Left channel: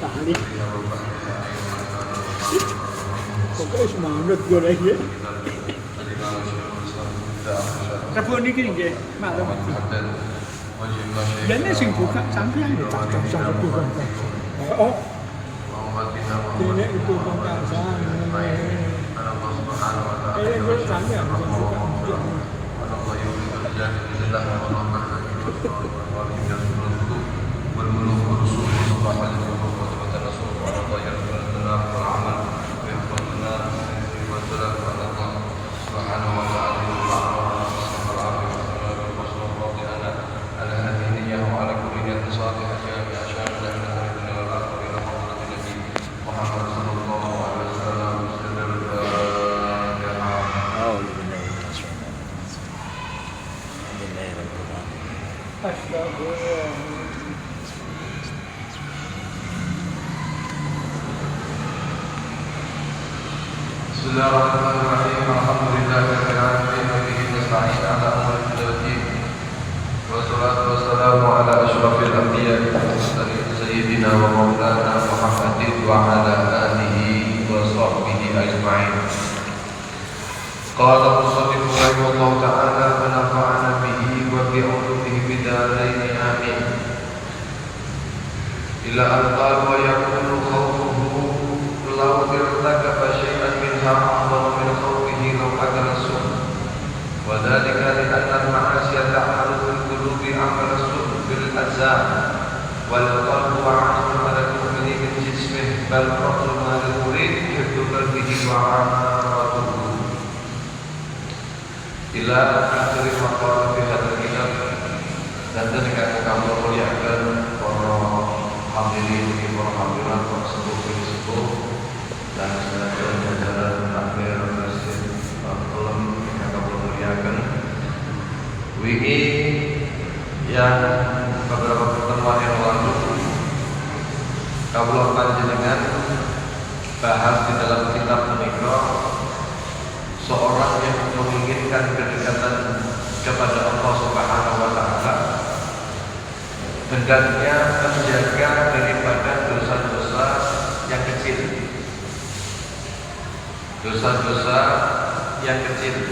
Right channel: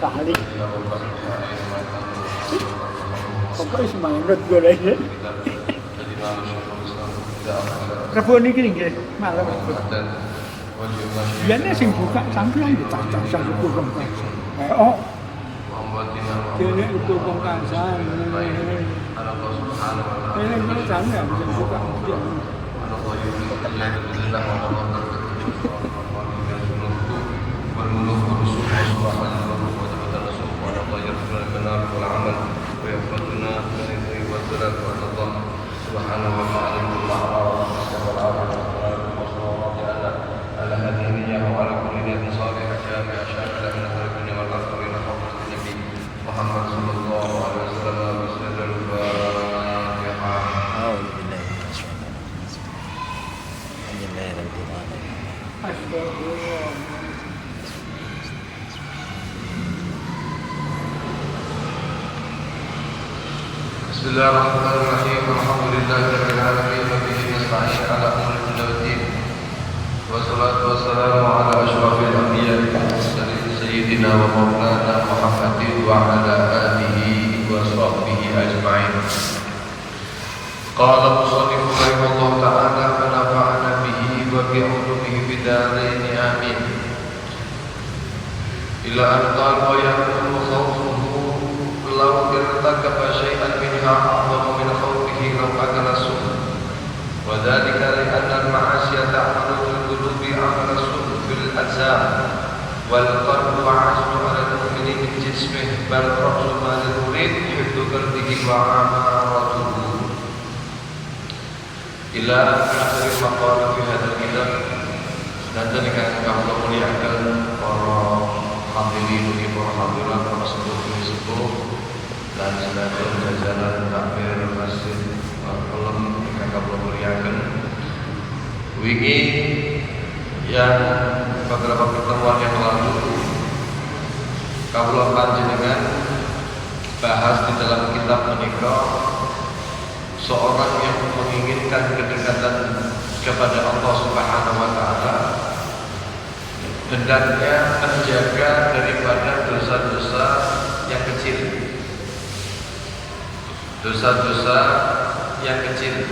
Paling. Apa semangat gue lagi? Rabu niki nggih malam. Ya nek sing buka sampeyan yo tak jam sepuluh. Oh. Kene itu pengkasan. Kene sampeyan sing buka. Bismillahirrahmanirrahim. Alhamdulillahirabbil alamin wa bihi nasta'in 'ala umuri dunya waddin. Wassalatu wassalamu 'ala asyrafil anbiya'i wal mursalin sayyidina wa maulana Muhammadin wa 'ala alihi wa sahbihi ajma'in. Qala musannif rahimahullah ta'ala wa nafa'ana bihi wa bi 'ulumihi bid darain amin. Ila an qala wa yaqulu khawfuhu law irtakaba syai'an minha a'zamu min khawfihi law akala as-suh. Wa dhalika li anna al-ma'asiya ta'malu fil qulubi 'amala as-suh bil ajzam wal qalbu 'azmu 'ala al-mu'mini min jismihi bal ra'su ma lil murid hifdhu qalbihi wa 'amaratuhu. Ila akhir maqala fi hadzal kitab. Dan demikian kami muliakan para hadirin, para hadirat, para sepuh dan sebagian jajaran takbir masjid Kelem ingkang kula muliaken. Wingi yang beberapa pertemuan yang lalu kawula panjenengan bahas di dalam kitab menika seorang yang menginginkan kedekatan kepada Allah Subhanahu wa taala, hendaknya menjaga daripada dosa-dosa yang kecil. Dosa-dosa yang kecil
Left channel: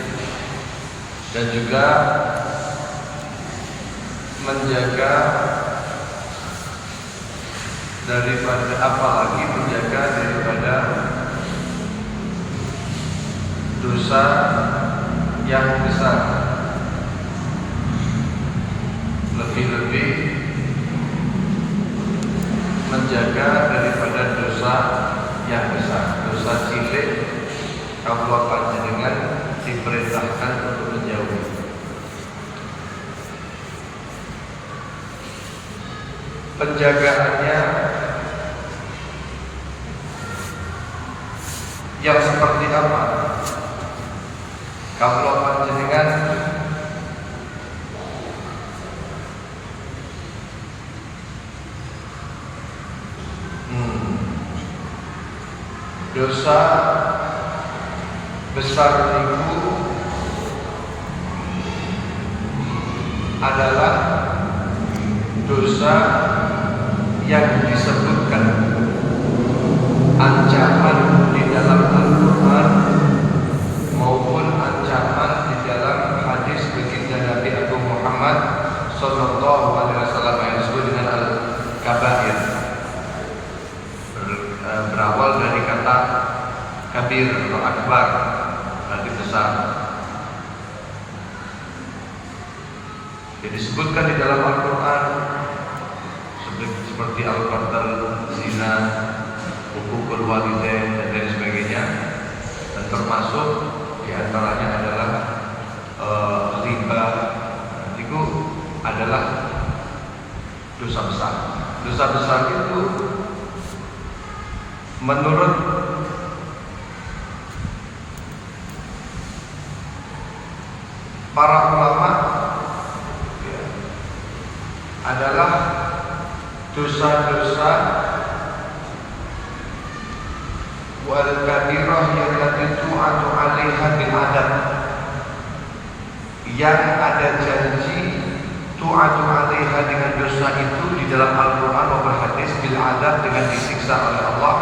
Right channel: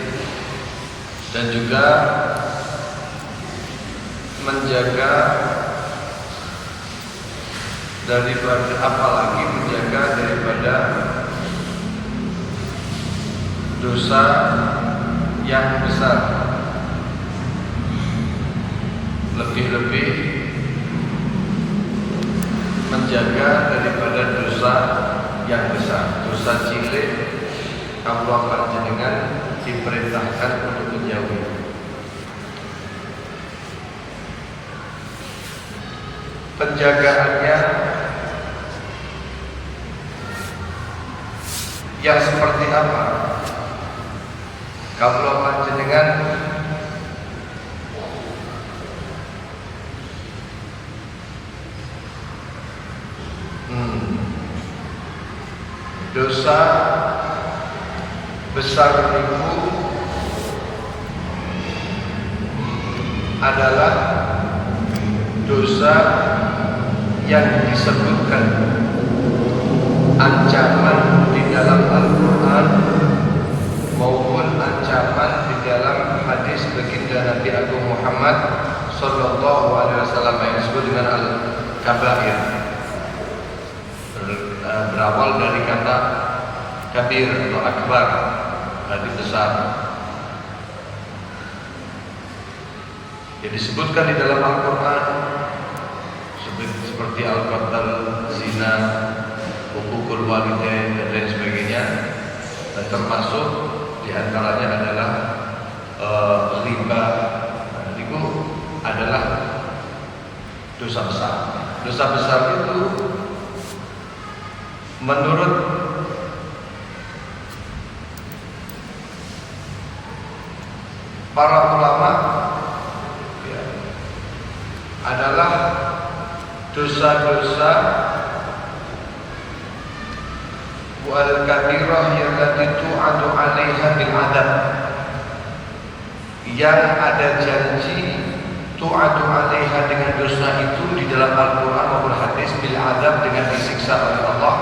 dan juga menjaga daripada, apalagi menjaga daripada dosa yang besar, lebih-lebih menjaga daripada dosa yang besar. Dosa cilik kawula panjenengan diperintahkan untuk menjauhi. Penjagaannya yang seperti apa? Kawula panjenengan dosa besar itu adalah dosa yang disebutkan ancaman di dalam Al-Quran maupun ancaman di dalam hadis baginda Nabi Agung Muhammad Sallallahu Alaihi Wasallam yang disebut dengan Al-Kabair, berawal dari kata kabir atau akbar, berarti besar. Yang disebutkan di dalam Al-Quran seperti al-qatl, zina, hukukul walidain dan lain sebagainya, dan termasuk diantaranya adalah riba. Itu adalah dosa besar. Dosa besar itu menurut para ulama ya, adalah dosa-dosa wal kabirah yang tu'adu 'alaiha bil adab, yang ada janji tu'adu 'alaiha dengan dosa itu di dalam Al-Qur'an maupun hadis bil adab dengan disiksa oleh Allah.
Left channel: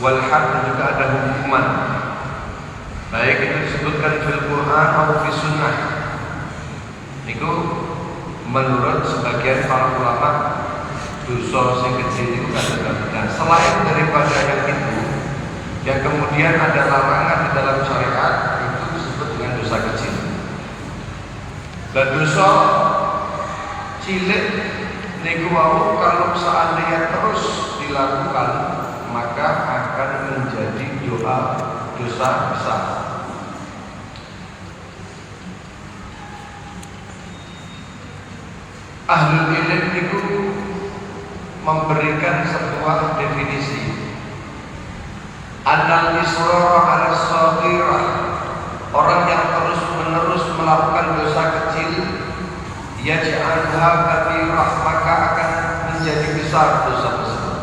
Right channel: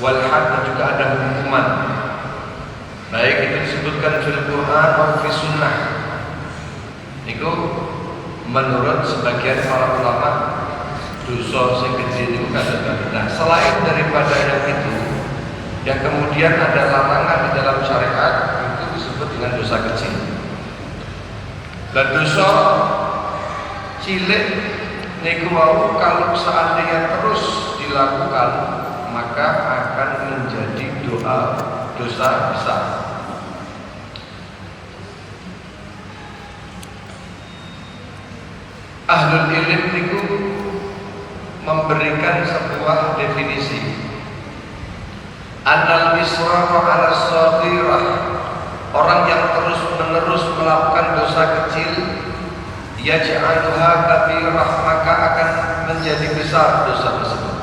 Wal had juga ada hukuman. Baik itu disebutkan fil Qur'an atau fi sunnah. Itu menurut sebagian para ulama dosa sing kecil itu kadang-kadang. Nah, selain daripada yang itu, yang kemudian ada larangan di dalam syariat itu disebut dengan dosa kecil. Dan dosa cilik niku mau kalau seandainya terus dilakukan maka akan menjadi dosa besar. Ahlul ilm niku memberikan sebuah definisi. Annal israr 'ala shaghirah, orang yang terus menerus melakukan dosa kecil, yaj'aluha kabirah, maka akan menjadi besar dosa tersebut.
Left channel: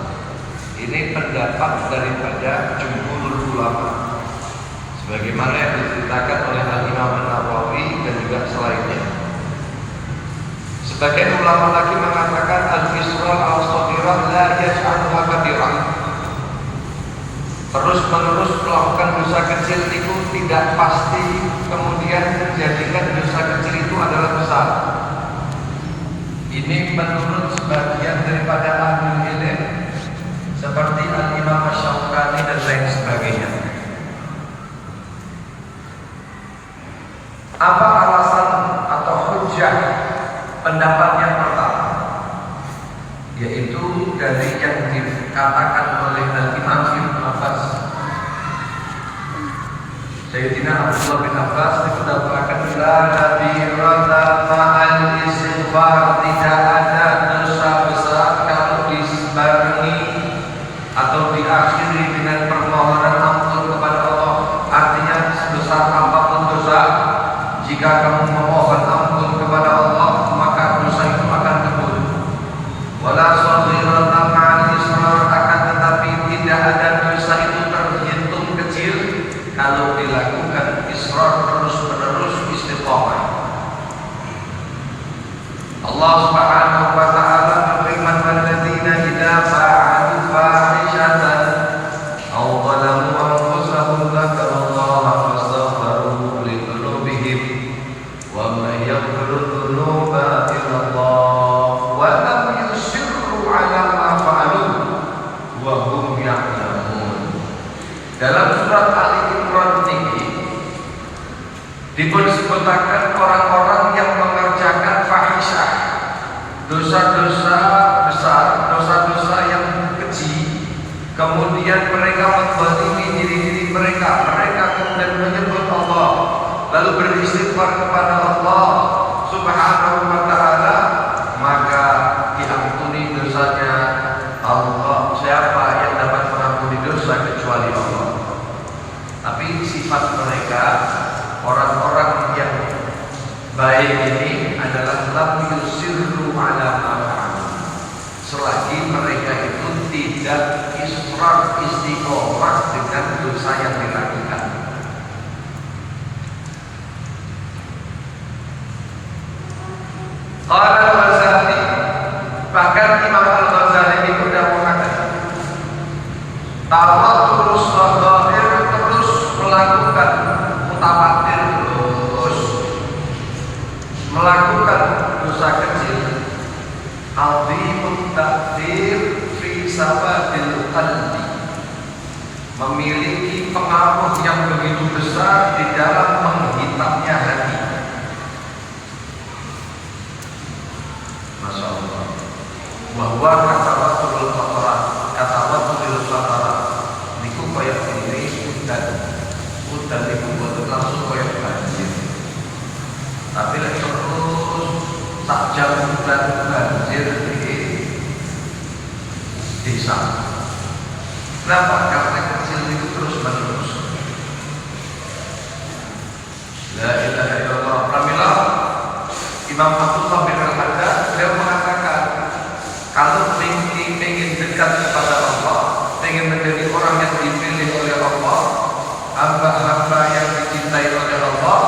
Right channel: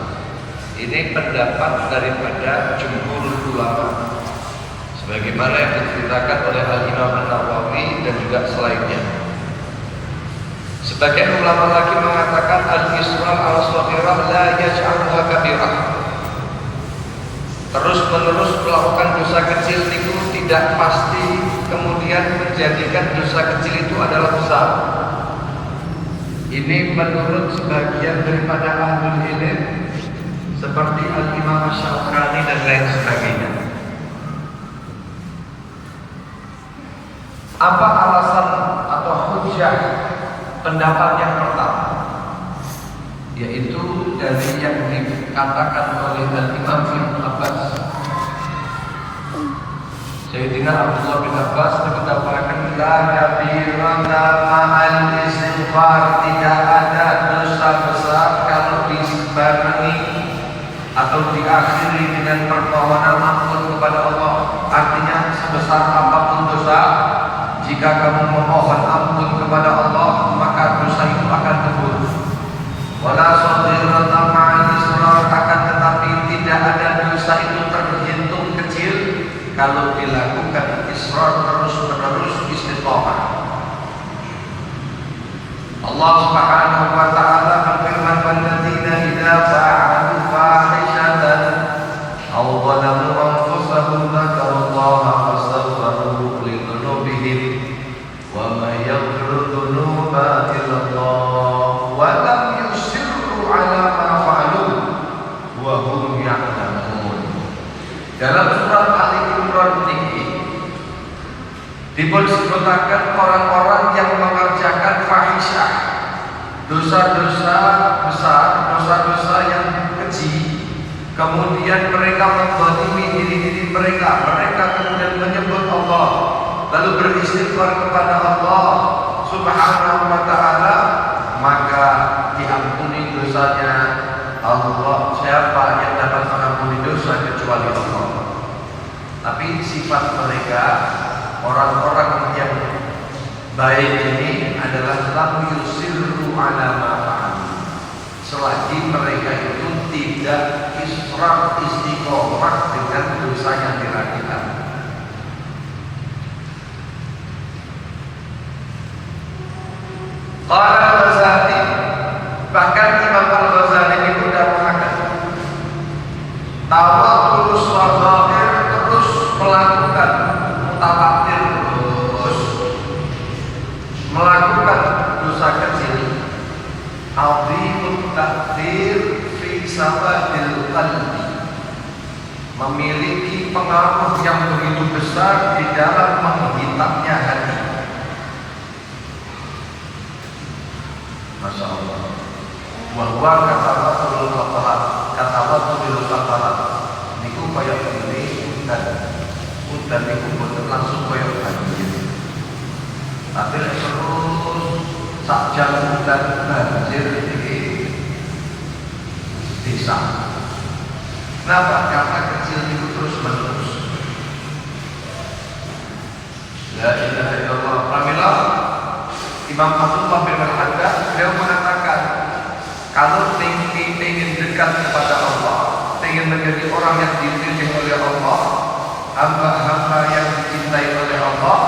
Ini pendapat daripada jumhur ulama, sebagaimana yang diceritakan oleh Al-Imam An-Nawawi dan juga selainnya. Sebagian ulama lagi mengatakan al-israr al-shaghirah la yaj'aluha kabirah. Terus menerus melakukan dosa kecil itu tidak pasti kemudian menjadikan dosa kecil itu adalah besar. Ini menurut sebagian daripada ahlul ilm seperti Al-Imam Asy-Syaukani dan lain sebagainya. Apa alasan atau hujjah pendapat yang pertama? Yaitu dari yang dikatakan oleh Al-Imam Ibnu Abbas. Sayyidina Abdullah bin Abbas dikatakan la kabira la ma'al istighfar, tidak ada dosa besar kalau dibarengi atau diakhiri dengan permohonan ampun kepada Allah. Artinya sebesar apapun dosa, jika kamu memohon ampun kepada Allah maka dosa itu akan tebus. Wala shaghiratan ma'al israr, akan tetapi tidak ada dosa itu terhitung kecil kalau dilakukan israr terus-menerus istiqamah. Allah Subhanahu wa taala berfirman, "Walladzina idza fa'alu fahishatan aw zalamu anfusahum dzakarullaha fastaghfiru li dzunubihim wa may yaghfiru dzunuba illa Allah wa lam yusirru 'ala ma fa'alu wa hum ya'lamun." Dalam surat Al-Imran ini disebutkan orang-orang yang mengerjakan fahisyah, dosa-dosa besar, dosa-dosa yang keji, kemudian mereka menzalimi diri-diri mereka kemudian menyebut Allah, lalu beristighfar kepada Allah Subhanahu wa taala, maka diampuni dosanya Allah. Siapa yang dapat mengampuni dosa kecuali Allah? Tapi sifat mereka, orang-orang yang baik ini adalah lam yusirru 'ala ma fa'alu, selagi mereka itu tidak israr istiqomah dengan dosa yang dilakukan. Qala al-Ghazali, bahkan Imam Al-Ghazali ini sudah mengatakan tawakkul shaghir, terus melakukan mutawatir, terus melakukan dosa kecil, azimut ta'thir fi sababil qalbi, memiliki pengaruh yang begitu besar di dalam menghitamnya hati. Masya Allah. Bahwa kata Rasulul Kafarat niku kaya ini dan udan niku langsung kaya banjir. Tapi lek terus sak jam udan banjir iki bisa. Kenapa? Karena kecil itu terus menerus. La ilaha illallah. Pramila Imam Abdullah bin Al-Haddad beliau mengatakan, kalau ingin dekat kepada Allah, ingin menjadi orang yang dipilih oleh Allah, hamba-hamba yang dicintai oleh Allah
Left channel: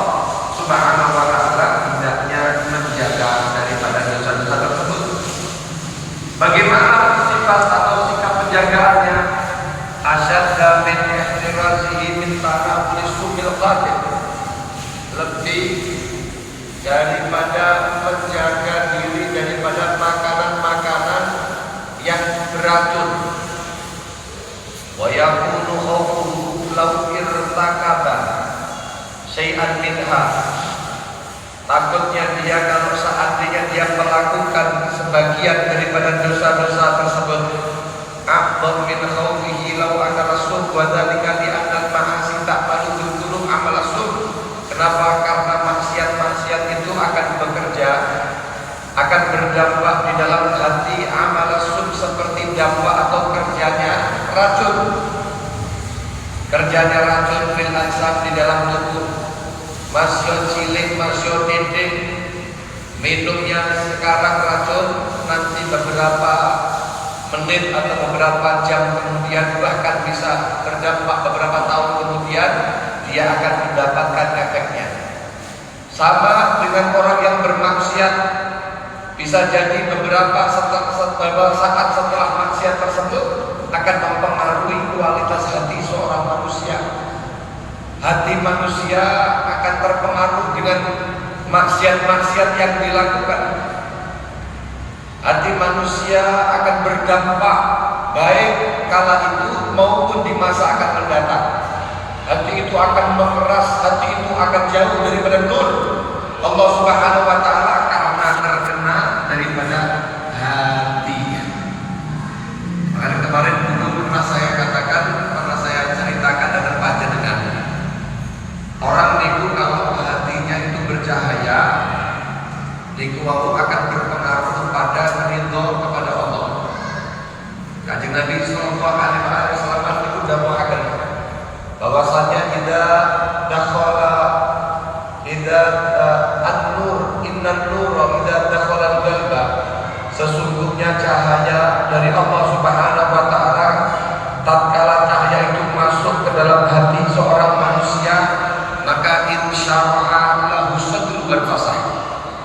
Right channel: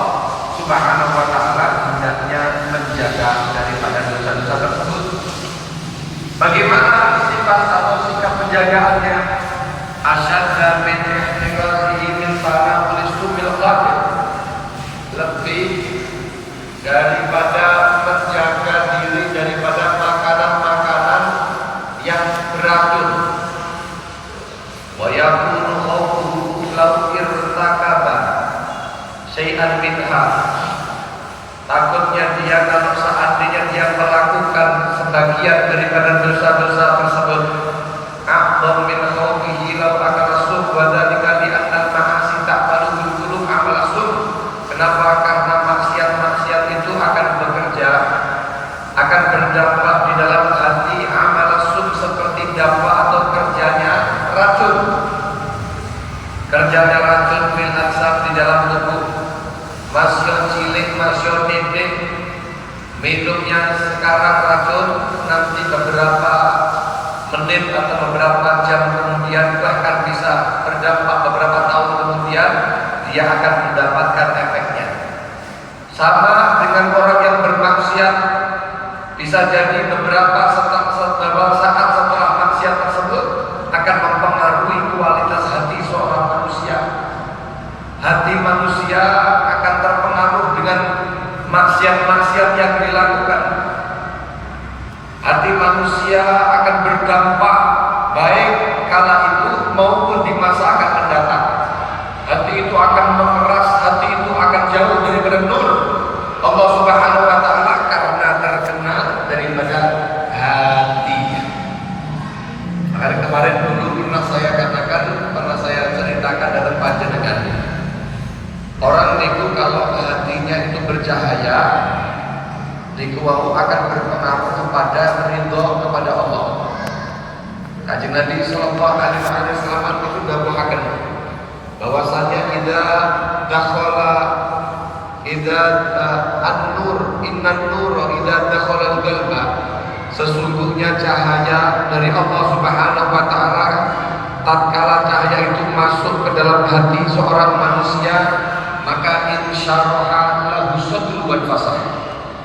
Subhanahu wa taala, hendaknya menjaga dosa-dosa tersebut. Bagaimana sifat atau sikap penjagaannya? Asyadda min ihtirazihi min tanawuli subil qadir, lebih daripada menjaga diri daripada makanan-makanan yang beracun. Wa yakunu khawfuhu law irtakaba syai'an minha, takutnya dia kalau seandainya dia melakukan sebagian daripada dosa-dosa tersebut, a'dham min khawfihi law akala sub wa dzalika li anna al-ma'asi ta'malu qulub amal sub. Kenapa? Karena maksiat-maksiat itu akan bekerja, akan berdampak di dalam hati amal sub seperti dampak atau kerjanya racun. Kerjanya racun fil ansab di dalam tubuh. Masuk cilik, masuk nyedik, minumnya sekarang racun, nanti beberapa menit atau beberapa jam kemudian, bahkan bisa berdampak beberapa tahun kemudian, dia akan mendapatkan efeknya. Sama dengan orang yang bermaksiat, bisa jadi beberapa saat setelah maksiat tersebut akan mempengaruhi kualitas hati seorang manusia. Hati manusia akan terpengaruh dengan maksiat-maksiat yang dilakukan. Hati manusia akan berdampak baik kala itu maupun di masa akan mendatang. Hati itu akan mengeras, hati itu akan jauh daripada nur Allah Subhanahu wa taala karena terkenal daripada hati. Kemarin dulu pernah saya katakan, pernah saya ceritakan dalam panjenengan. Orang itu kalau hatinya itu bercahaya, dikuaku akan berpengaruh kepada ridho kepada Allah. Kanjeng Nabi sallallahu alaihi wasallam itu dawuhaken bahwasanya an-nur innan-nur idza dakhala al-qalba, sesungguhnya cahaya dari Allah Subhanahu wa taala tatkala cahaya itu masuk ke dalam hati seorang manusia, maka insyaraha lahu sadru wal fasah.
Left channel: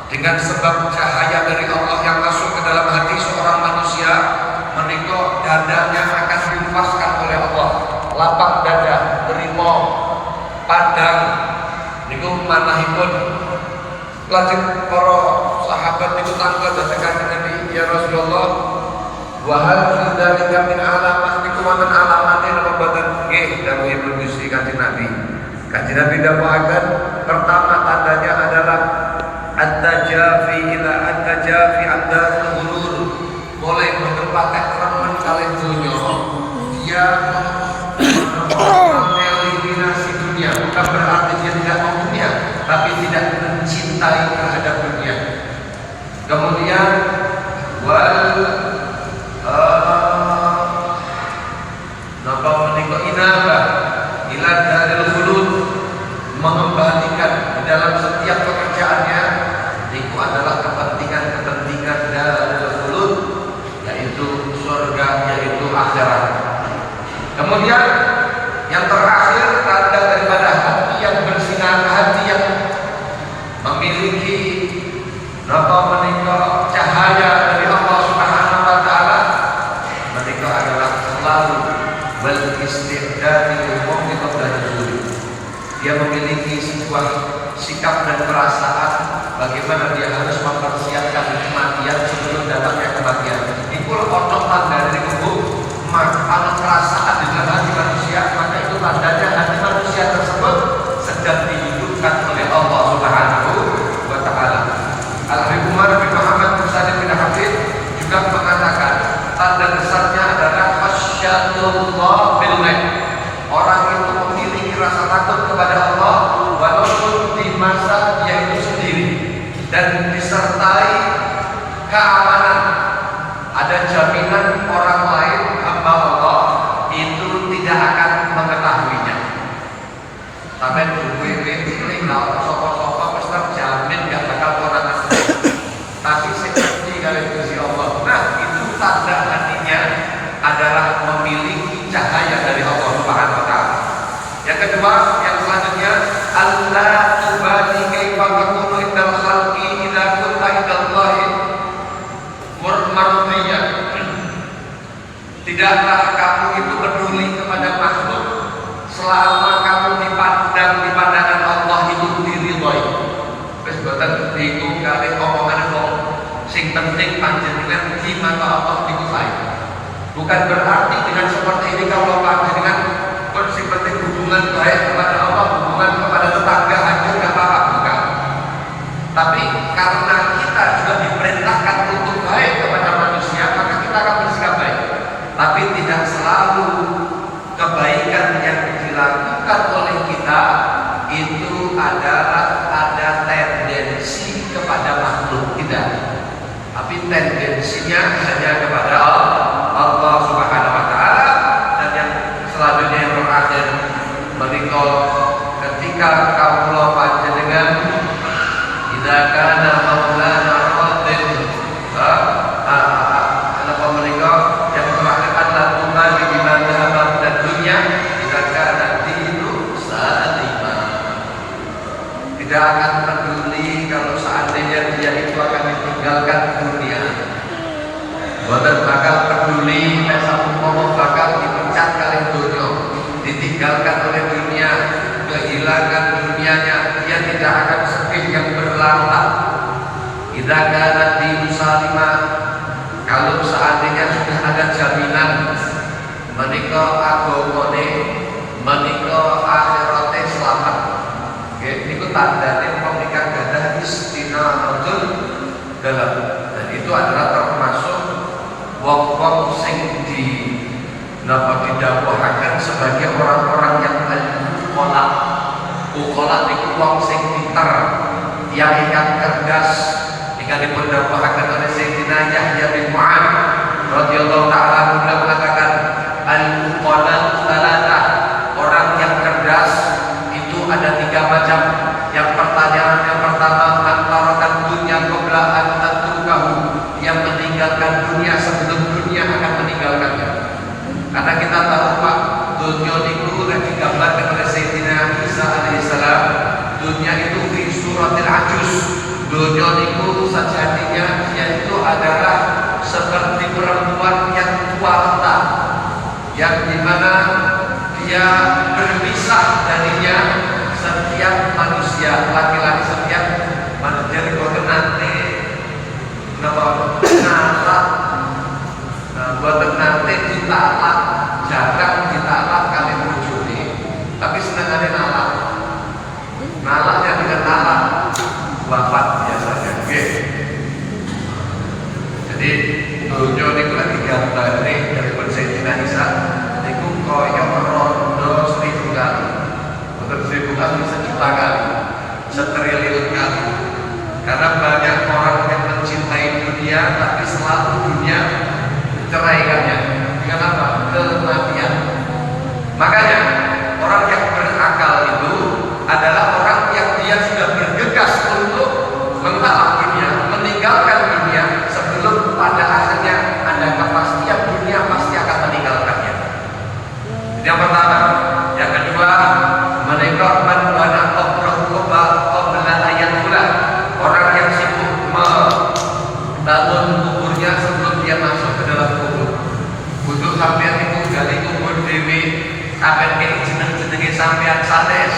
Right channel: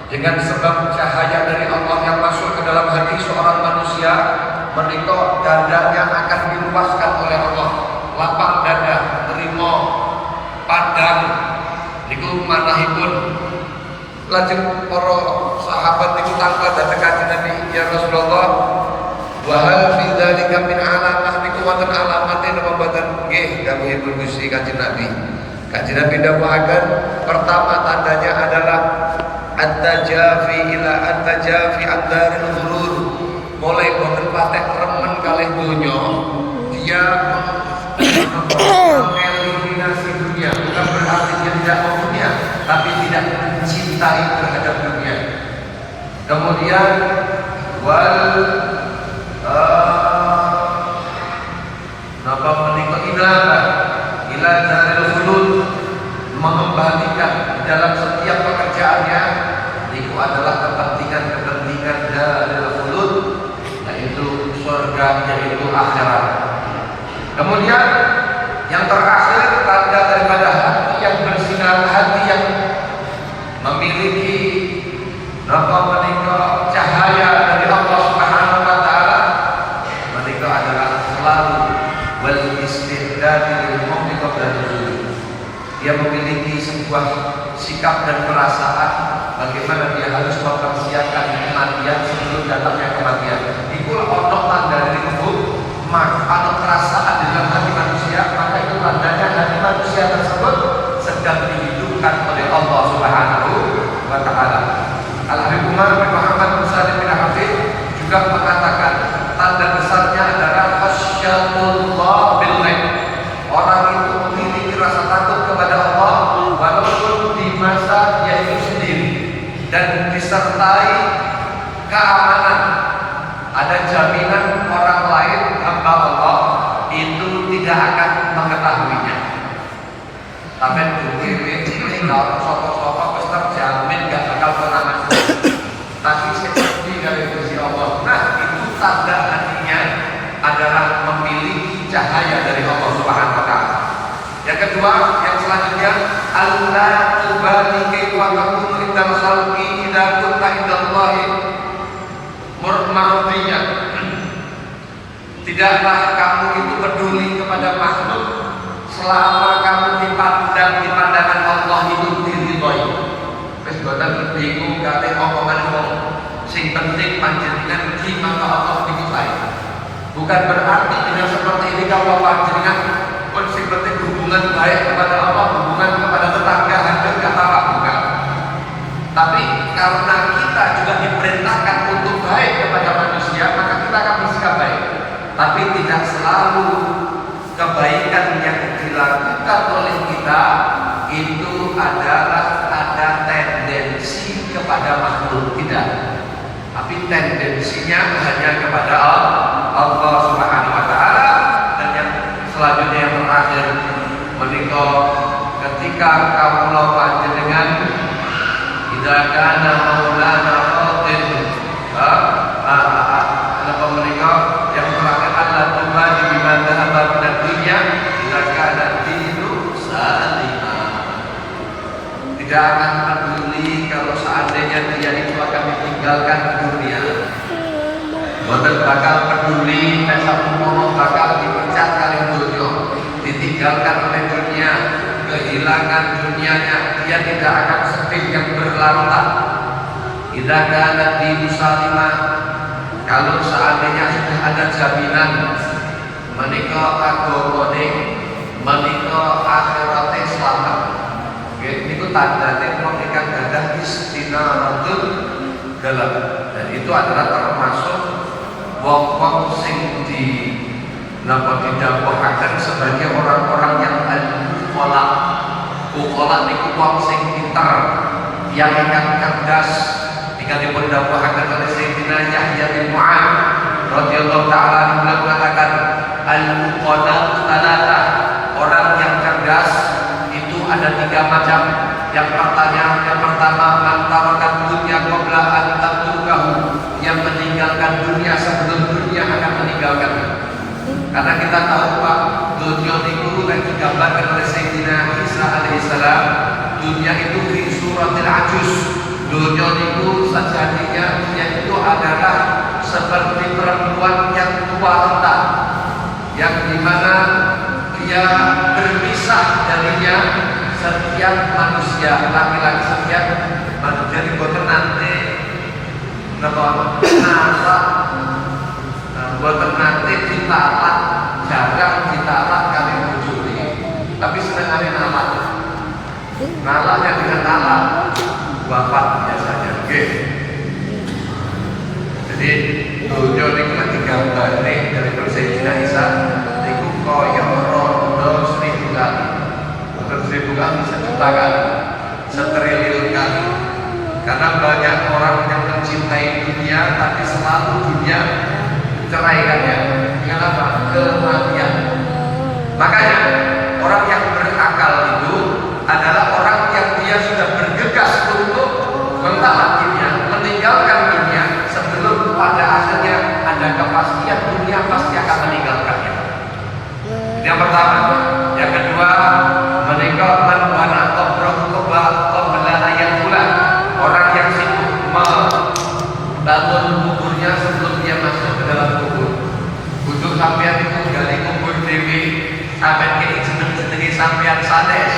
Dengan sebab cahaya dari Allah yang masuk ke dalam hati seorang manusia, menika dadanya akan dilupaskan oleh Allah, lapang dada, terima, padang. Niku manahipun. Lajeng para sahabat niku tangkal dhateng Kanjeng Nabi, ya Rasulullah, wa hal fi dzalika min alamah, niku wonten alamate napa boten? Nggih, dawuhipun Gusti Kanjeng Nabi. Kanjeng Nabi dawuhaken, pertama tandanya adalah at-tajafi ila at-tajafi ad-daril ghurur, mulai boten patek remen kalih donya, dia mengeliminasi dunia, bukan berarti dia tidak mau dunia, tapi tidak mencintai terhadap dunia. Kemudian wal napa menika inaba ila daril khulud, mengembalikan dalam setiap pekerjaannya itu adalah kepentingan daril khulud, yaitu surga, yaitu akhirat. Kemudian yang terakhir, tanda daripada hati yang bersinar, hati yang memiliki menika cahaya dari Allah Subhanahu wa taala, mereka adalah selalu wal istihdad lil mauti qabla nuzul. Dia memiliki sebuah sikap dan perasaan bagaimana dia harus mempersiapkan kematian sebelum datangnya kematian. Ikul ono tanda dari kubur, maka perasaan di dalam hati manusia, maka itu tandanya hati manusia tersebut sedang dihidupkan oleh Allah Subhanahu wa taala. Al-Habib Umar bin Muhammad bin Salim bin Habib juga mengatakan tanda besarnya adalah khasyatullah billah. Orang itu memiliki rasa takut kepada Allah walaupun di masa dia itu sendiri, dan disertai keamanan. Ada jaminan orang lain hamba Allah itu tidak akan mengetahuinya. Tapi dulu ini kalau sopok-sopok pasti terjamin gak bakal orang asli. Tapi seperti kalau Gusti Allah, nah itu tanda hatinya adalah memiliki cahaya dari Allah Subhanahu wa taala. Yang kedua, yang selanjutnya, Allah tubali kaifa takunu indal khalqi idza kunta indallahi Tidakkah kamu itu peduli kepada makhluk selama kamu di pandangan Allah itu diridhoi. Wis boten bingung kali omongan wong. Sing penting panjenengan gimana Allah dikuasai. Bukan berarti dengan seperti ini kalau panjenengan sing penting hubungan baik kepada Allah, hubungan kepada tetangga aja nggak apa-apa, bukan. Tapi karena kita juga diperintahkan untuk baik kepada manusia, maka kita akan bersikap baik. Tapi tidak selalu kebaikan yang dilakukan oleh kita itu adalah ada tendensi kepada makhluk, tidak. Tapi tendensinya hanya kepada Allah Subhanahu wa taala. Dan yang selanjutnya yang terakhir, menika ketika Allah panjenengan idza kana maulana qatil apa menika yang terakhir adalah kembali di madhab dan dunia idza kana dinu salima. Tidak akan peduli kalau seandainya dia itu akan ditinggalkan dunia. Boten bakal peduli satu ngomong bakal dipecat kali dunia, ditinggalkan oleh dunia, kehilangan dunianya, dia tidak akan sedih yang berlarut. Idza kana dinu salima, kalau seandainya sudah ada jaminan menika agamane, menika akhirate selamat. Niku tandane wong ingkang gadah istinamatul dalam, dan itu adalah termasuk wong-wong sing didhawuhaken sebagai orang-orang yang al-uqala. Uqala niku wong sing pinter, yang ingkang cerdas. Jika dipundhawuhaken oleh Sayyidina Yahya bin Mu'adz radhiyallahu ta'ala mengatakan al-uqala thalatha, orang yang cerdas itu ada 3 macam. Yang pertama antarakan dunia qabla an tatrukahu, yang meninggalkan dunia sebelum dunia akan meninggalkannya. Karena kita tahu Pak, dunia itu lagi digambarkan oleh Sayyidina Isa alaihissalam. Dunia itu fi suratil ajuz. Dunia itu sejatinya dia itu adalah seperti perempuan yang tua renta, yang dimana dia berpisah darinya setiap manusia, laki-laki setiap manusia di kota nanti nalak, kota nanti ditalak, jarang ditalak kami berjudi. Tapi sebenarnya nalaknya dengan nalak wafat biasanya. Oke. Jadi dunia ini kan digambari dari Sayyidina Isa itu koyo rondo 1000 kali. 1000 kali, 1.000.000 kali, 1.000.000 kali. Karena banyak orang yang mencintai dunia, tapi selalu dunia ceraikannya dengan apa? Kematian. Makanya orang yang berakal itu adalah orang yang dia sudah bergegas untuk mentalaknya, meninggalkan dunia sebelum pada akhirnya ada kepastian dunia pasti akan meninggalkannya. Yang pertama. Yang kedua, menikah wana qabruhu qabla ayatul, orang yang sibuk membangun kuburnya sebelum dia masuk ke dalam kubur. Untuk sampean itu gali kubur dewi, sampean ke jeneng-jenenge sampean sanes,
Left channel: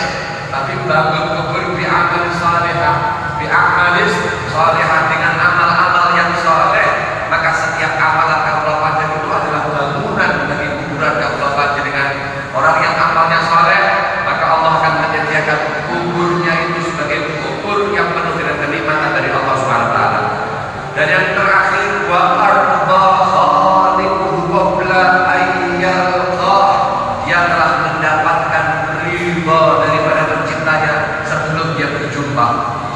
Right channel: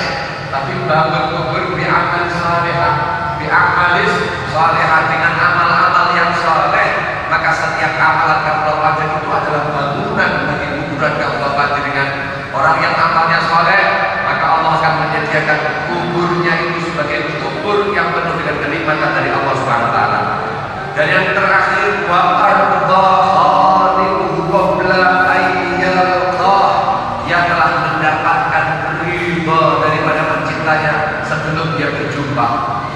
tapi bangun kubur bi amalis salihah dengan amal-amal yang saleh, maka setiap amalan kabupaten itu adalah bangunan bagi kuburan kabupaten. Dengan orang yang amalnya saleh, maka Allah akan menyediakan kuburnya itu sebagai kubur yang penuh dengan kenikmatan dari Allah Subhanahu wa taala. Dan yang terakhir, wa arda khaliquhu qabla ayyalqah, dia telah mendapatkan ridha daripada penciptanya sebelum dia berjumpa.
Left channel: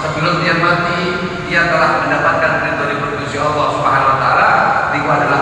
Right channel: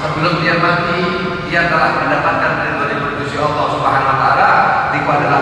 Sebelum dia mati, dia telah mendapatkan ridha dari Allah Subhanahu wa taala. Itu adalah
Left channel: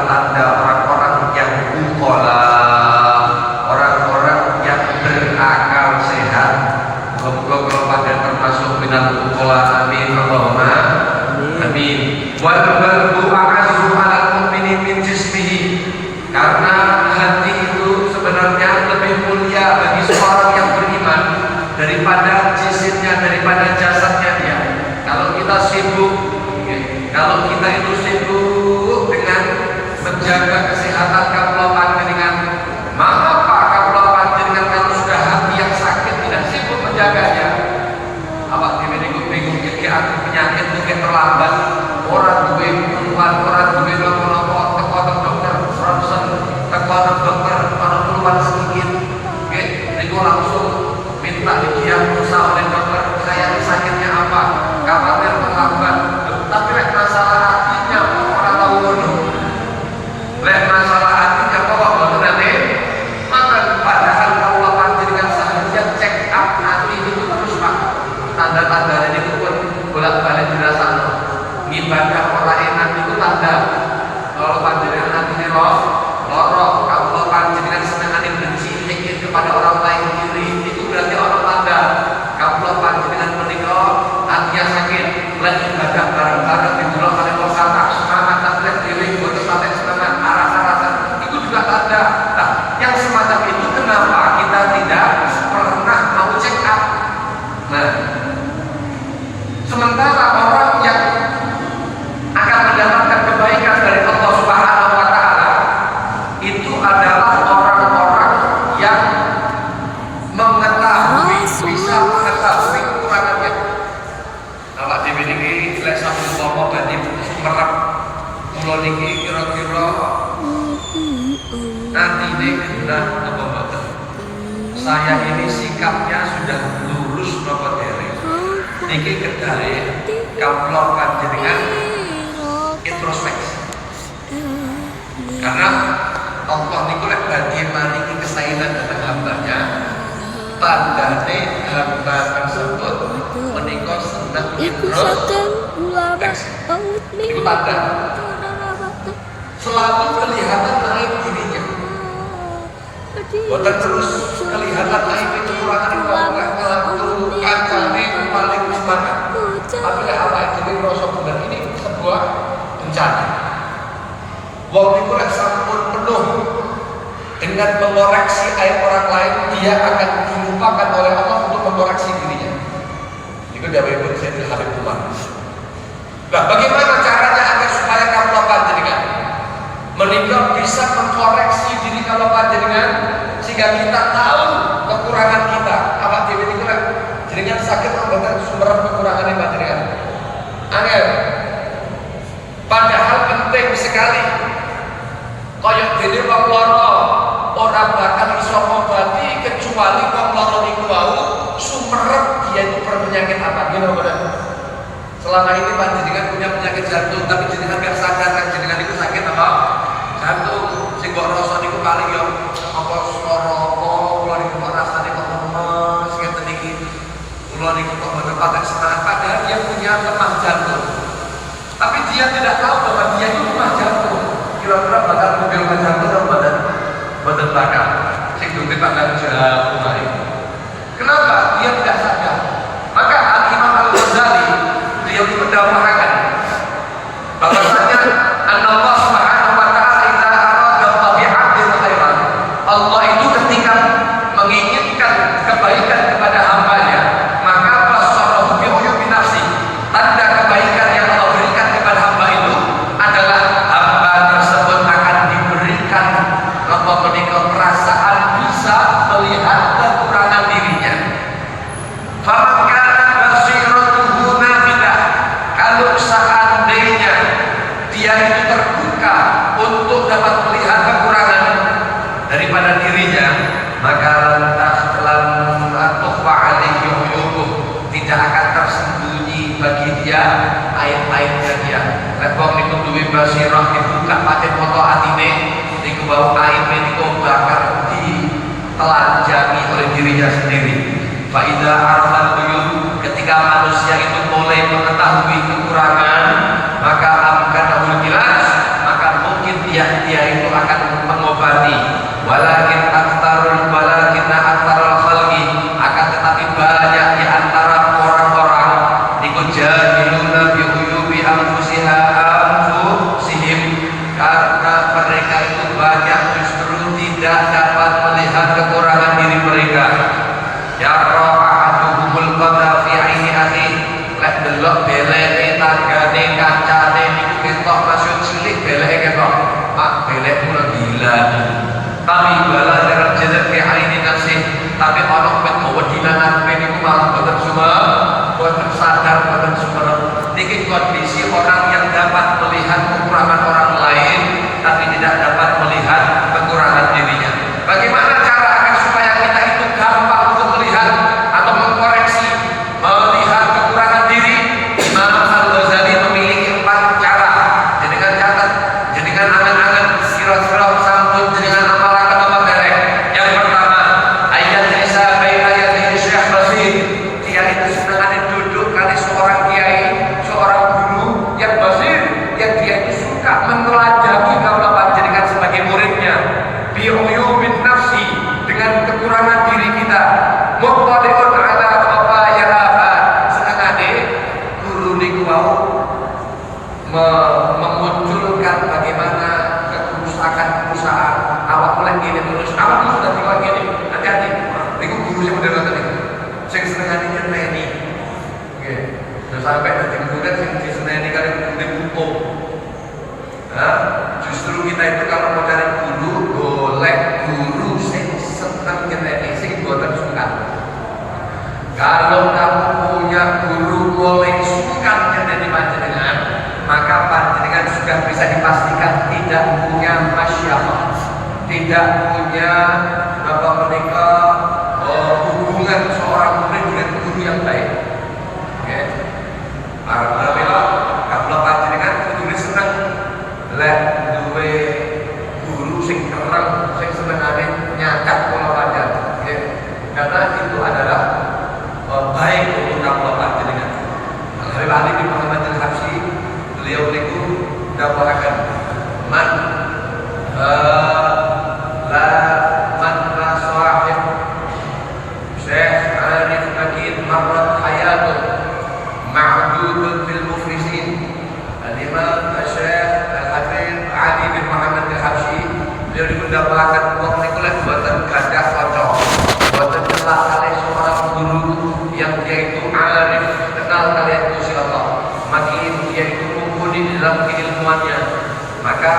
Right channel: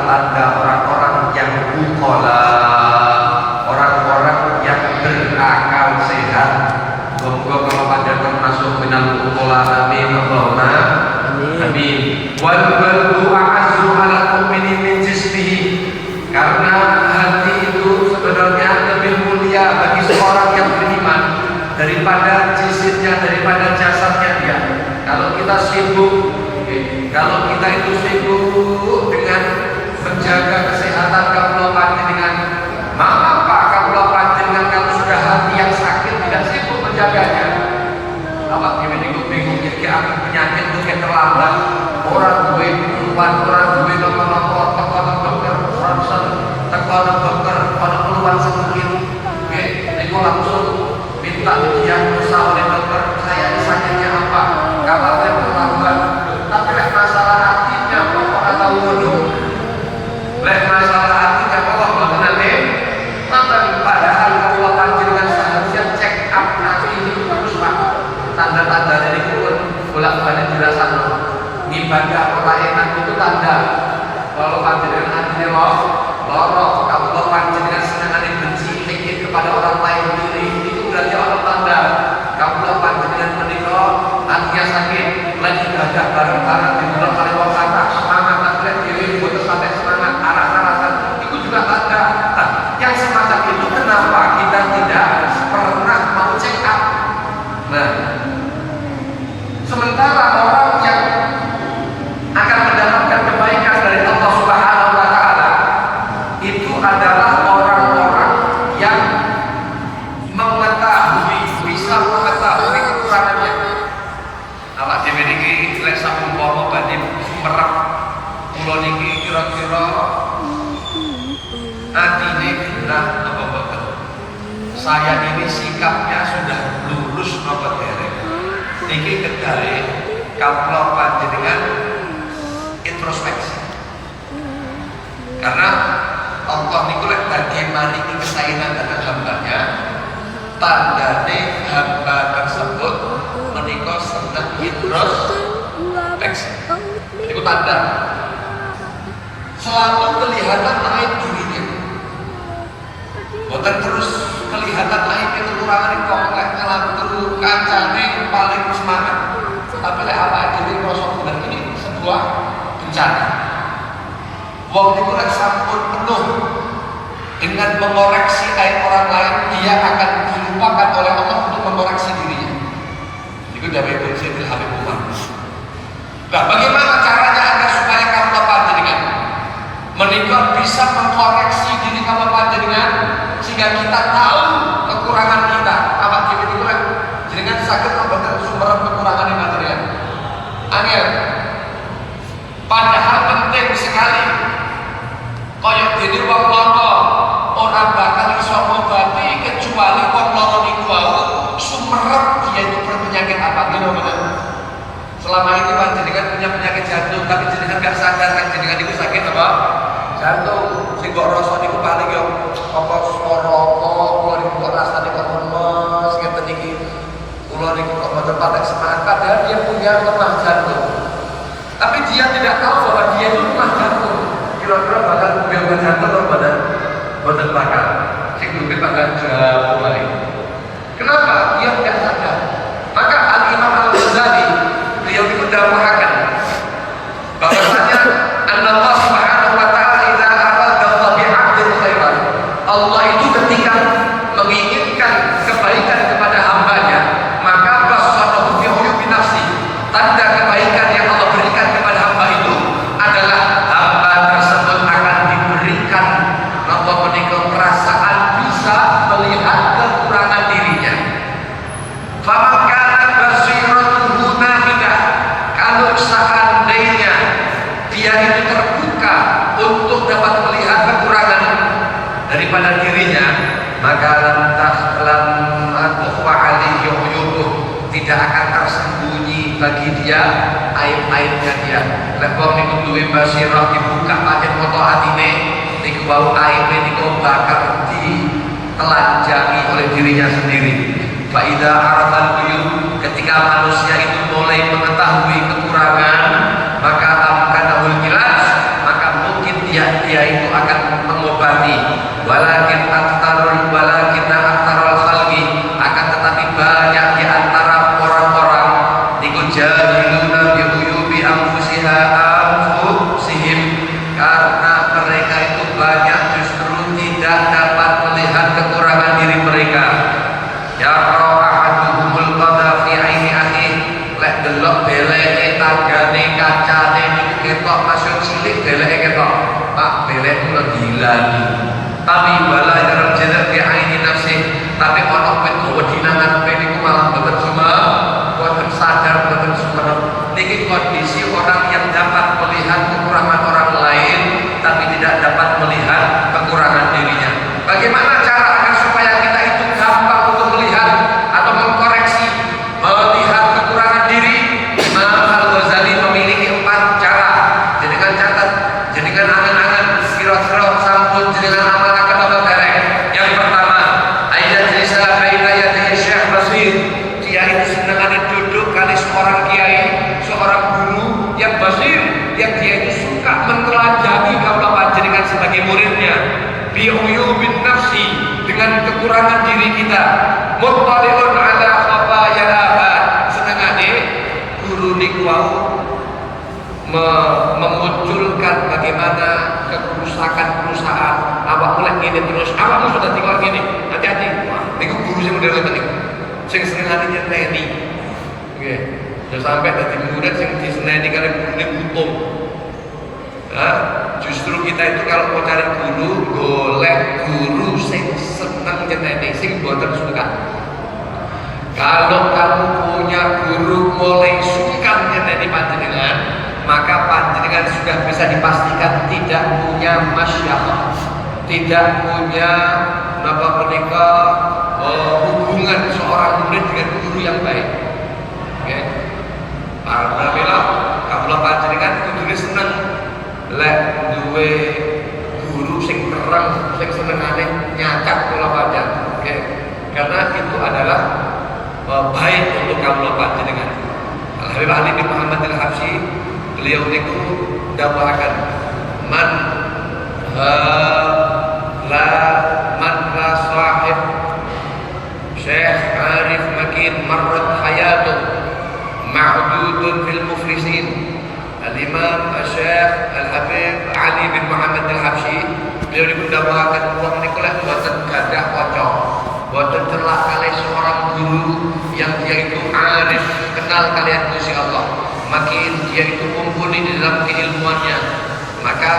itu adalah orang-orang yang mengetahui, bisa mengetahui kekurangannya. Awak dhewe niki lek sampun umpama badhe merep kula niki kira-kira atine genah apa mboten. Saya ini sikapnya sudah lurus napa dereng. Niki kedare kawula panjenengan introspeksi. Karena Allah niku lek badhe maringi kesainan dhateng hambanya, tandane hamba tersebut menika seneng introspeksi. Itu tanda. Selalu kelihatan naik dirinya. Boten terus kelihatan naik kekurangan itu lek ngelaku kancane paling semangat. Tapi lek awake dhewe ngrasa bener ini sebuah bencana. Wong niku lek sampun penuh dengan mengoreksi aib orang lain, dia akan dilupakan oleh Allah untuk mengoreksi dirinya. Itu dawuhipun Sayyidil Habib Umar. Nah, bagaimana caranya agar supaya kamu panjenengan menika bisa mengkoreksi diri kamu panjenengan sehingga kita tahu kekurangan kita. Awak dhewe niku lek jenengan saged mboten sumber kekurangan panjenengan. Angel. Padahal penting sekali. Kaya dene wong lara ora bakal iso ngobati kecuali wong lara niku wau sumerep dia itu berpenyakit apa gitu bener. Selama ini panjenengan punya penyakit jantung tapi jenengan gak sadar kan jenengan itu sakit apa? Jantung. Sing kok rasa niku paling yang apa lara apa kula niku kok rasane kok lemes ngeten iki. Kula niku kok boten patek semangat padahal dia punya lemah jantung. Tapi dia tidak tahu bahwa dia itu lemah jantung. Kira-kira bakal menggawe jantung badan bakal sing duwe pada jauh lagi. Kenapa? Dia tidak sadar. Maka Al-Imam Al-Ghazali beliau itu mengatakan bahwasanya Allah Subhanahu wa taala idza arada bi 'abdin khairan. Allah itu ketika menginginkan kebaikan kepada hambanya, maka basarahu bi uyubi nafsi. Tanda kebaikan yang Allah berikan kepada hamba itu adalah hamba tersebut akan diberikan perasaan bisa melihat kekurangan dirinya. Famakana basiratuhu nafidah. Kalau seandainya dia itu terbuka untuk dapat melihat kekurangan daripada dirinya, maka lantaslan atuwa alaihi uyubuh, tidak akan tersembunyi bagi dia aib-aibnya dia. Rebab niku duwe basirah dibuka pancen foto atine niku bau aib niku bakal ditelanjangi oleh dirinya sendiri. Fa idza arafa ketika manusia itu mulai mengetahui kekurangan, maka akan jelas, maka mungkin dia itu akan mengobati. Walakin aktarul khalqi, akan tetapi banyak di antara orang-orang niku jahiluna bi uyubi anfusihim, karena mereka itu banyak justru tidak dapat melihat kekurangan diri mereka. Ya ra'ahaduhumul qadha fi 'aini lek delok beleke tanggane kancane ketok masuk cilik beleke ketok mak belek ku dilani tapi bala dalam jelek fi 'aini nafsi tapi ana pegawe dinangan niku malah boten semua boten sadar boten semua. Niki kondisi orang yang dapat melihat kekurangan orang lain tapi tidak dapat melihat kekurangan dirinya. Bagaimana cara agar supaya kita itu gampang untuk melihat atau mengkoreksi melihat kekurangan diri? Imam Al-Ghazali memiliki 4 cara. Jenengan catat, jenengan angan-angan kira-kira sampun jenengan amalaken apa derek. Yang pertama, ayat Isa baina yadayhi Syekh Basir. Kiai itu senangane duduk kali seorang kiai, seorang guru yang basir, yang dia itu suka menelanjangi kaula panjenengan sebagai muridnya. Bi uyubin nafsi, dengan kekurangan diri kita. Muttali'un ala khataya abad. Senengane guru niku wau memunculkan bagaimana kerusakan awak mulai ngene terus. Awakmu sudah tinggal gini. Hati-hati. Niku guru sing model ngoten niku. Sing senengane nyenteni. Nggih. Sampai dadi murid sing diseneni kali murid hukum. Justru kita itu kalau mau cari guru, golek guru sing seneng nyenteni, sing boten sungkan. Kalau kamu punya guru mulai sungkan nyenteni panjenengan, maka panjenengan sudah bisa dipastikan tidak punya masyarakat, tidak punya hubungan seorang murid dengan guru yang baik. Okay. Alhamdulillah, kalau panjenengan kudu seneng lek duwe guru sing terang, sing senengane nyakat kula panjenengan. Okay. Karena itu adalah baik untuk kamu panjenengan. Al-Habib Ali bin Muhammad Al-Habsyi, beliau niku dawuhaken man la sahib Syekh Arif Makin marrat hayatun ma'dudun fil muflisin. Al-Imam Syekh Al-Habib Ali bin Muhammad Al-Habsyi, beliau dikudawuhaken wong niku lek boten gadah kanca, boten celak kalih seorang guru yang dia itu arif, kenal kalian Gusti Allah, makin dia itu mumpuni di dalam keilmuannya, maka